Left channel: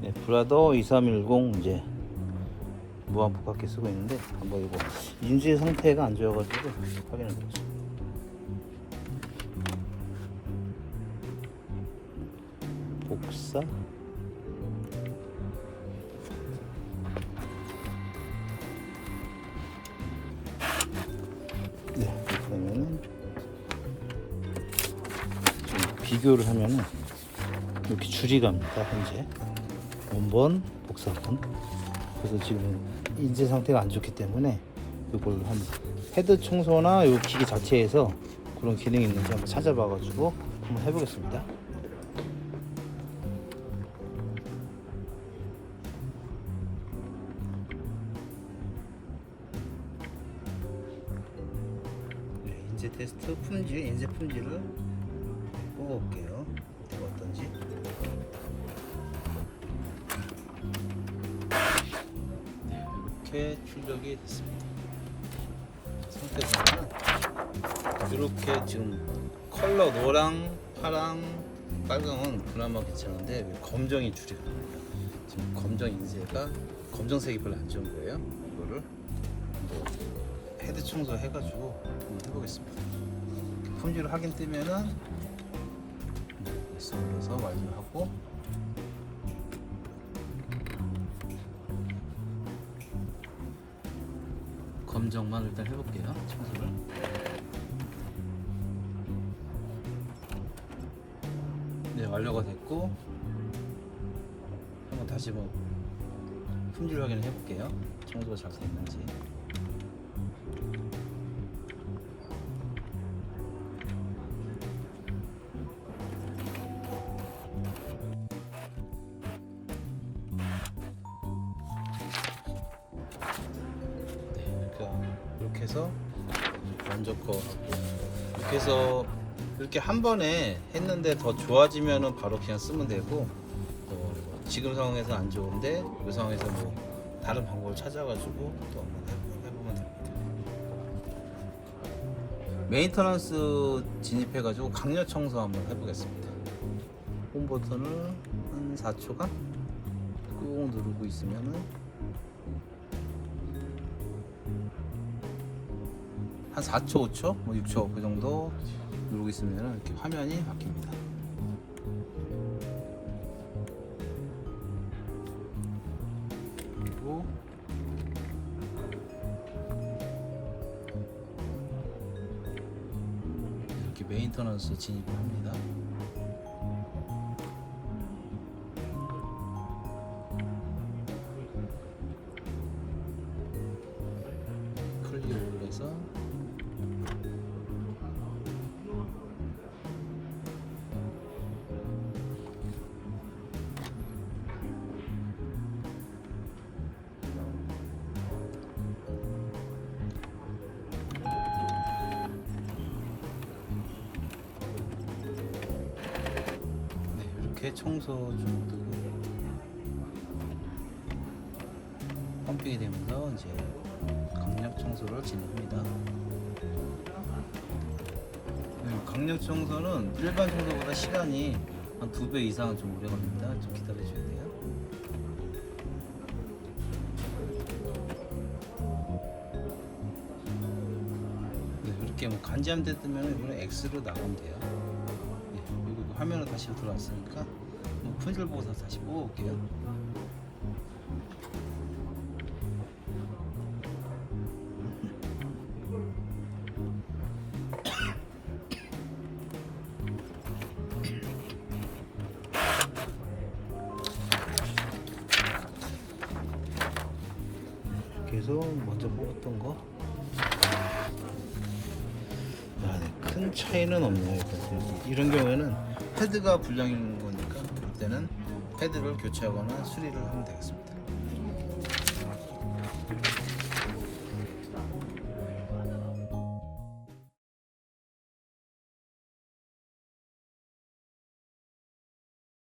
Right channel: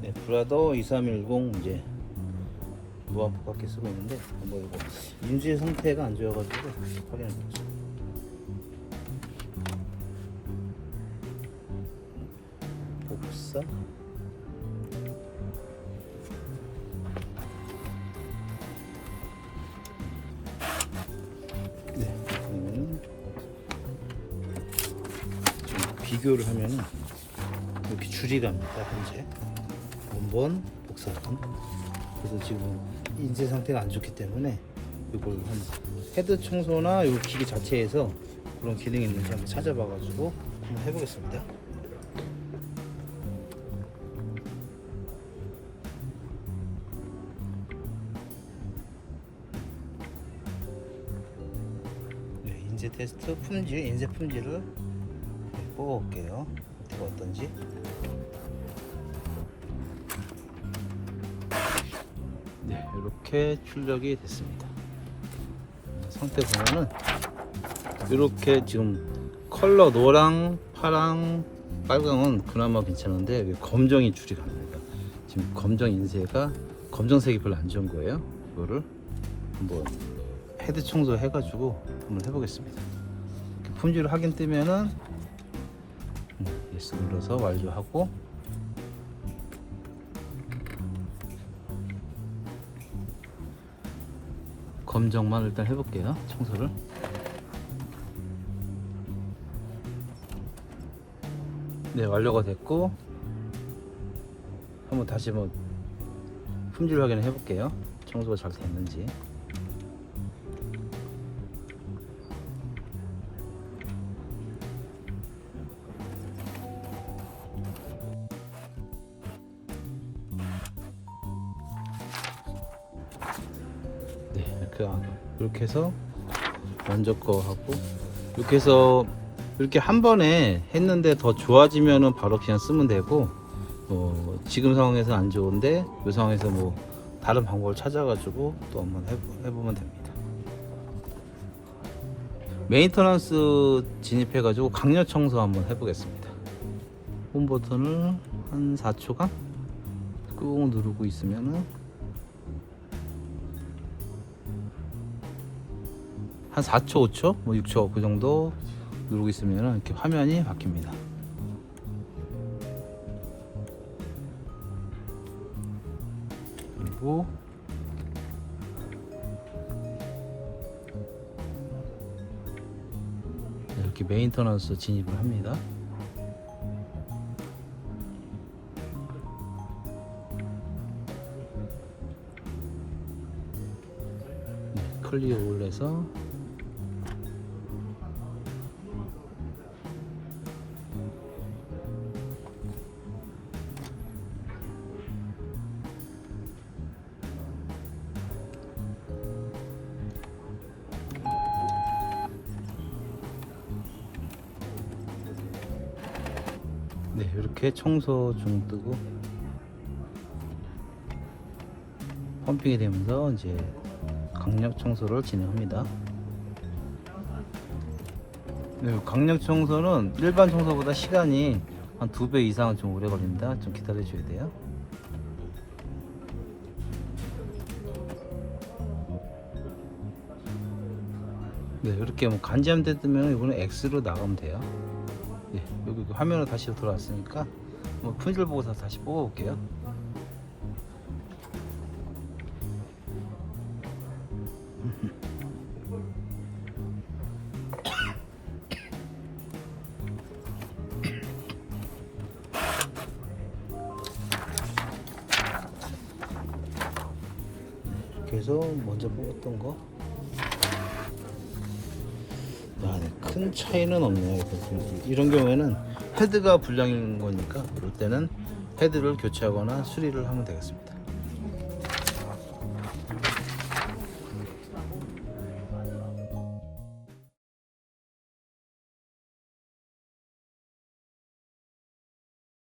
네, 브라더 2310 이제 무한 복합기 쓰고 있는데 한번 이거 인수의 상태가 안 좋아가지고 확인해 보죠. 복사. 네, 그러면 비교를 하면은 이렇게 줄이 갑니다. 현재 원본, 복사본. 그래서 지금 인쇄 상태가 안 좋기 때문에 이걸 한 헤드 청소나 이 기기 자체에서 그런 기능이 있는지 한번 찾아봐가지고 한번 해보겠습니다. 네, 인쇄 테스트 품질, 인쇄 품질을 뽑아볼게요. 상태가 어떤지. 네, 이렇게 출력이 됐습니다. 상태 보면은 이렇게 지금 컬러 노랑, 파랑, 빨강은 그나마 괜찮은데 왜 검정이 줄이 갑니다. 지금 검정 인쇄가 검정색이 별로 안 좋은 거예요. 이거를 뭐 헤드 청소 해가지고 한번 해보겠습니다. 품질 확인 뜨면은 예스 눌러서 완료하고 검정만 일단 해볼게요. 청소를. 네, 완료가 됐고 한번 다시 한번 품질 확인을 해볼게요. 청소가 잘 됐는지. 네, 이렇게 해서 먼저 거 하고 이렇게 해서 이렇게 한 번에 했는데 더 좋아지면은 바로 그냥 쓰면 되고, 지금 상황에서 안 좋은데 이 상황에서 뭐 다른 방법을 찾아가지고 또 한번 해보면 됩니다. 메인터넌스 진입해가지고 강력 청소 한번 해보겠습니다. 홈 버튼을 한 4초간 꾹 누르고 있으면은 한 4초, 5초, 뭐 6초 그 정도 누르고 있으면 이렇게 화면이 바뀝니다. 그리고 이렇게 메인터넌스 진입을 합니다. 클리어를 해서 이렇게 청소 중 뜨고 펌핑이 되면서 이제 강력 청소를 진행합니다. 네, 강력 청소는 일반 청소보다 시간이 한 2배 이상은 좀 오래 걸립니다. 좀 기다려 줘야 돼요. 네, 이렇게 뭐 간지함대 뜨면 이거는 X로 나가면 돼요. 네, 여기 화면으로 다시 들어왔으니까 뭐 품질 보고서 다시 뽑아볼게요. 이렇게 해서 먼저 뽑았던 거. 야, 네, 큰 차이는 없네요. 이런 경우에는 헤드가 불량인 거니까 그때는 헤드를 교체하거나 수리를 하면 되겠습니다.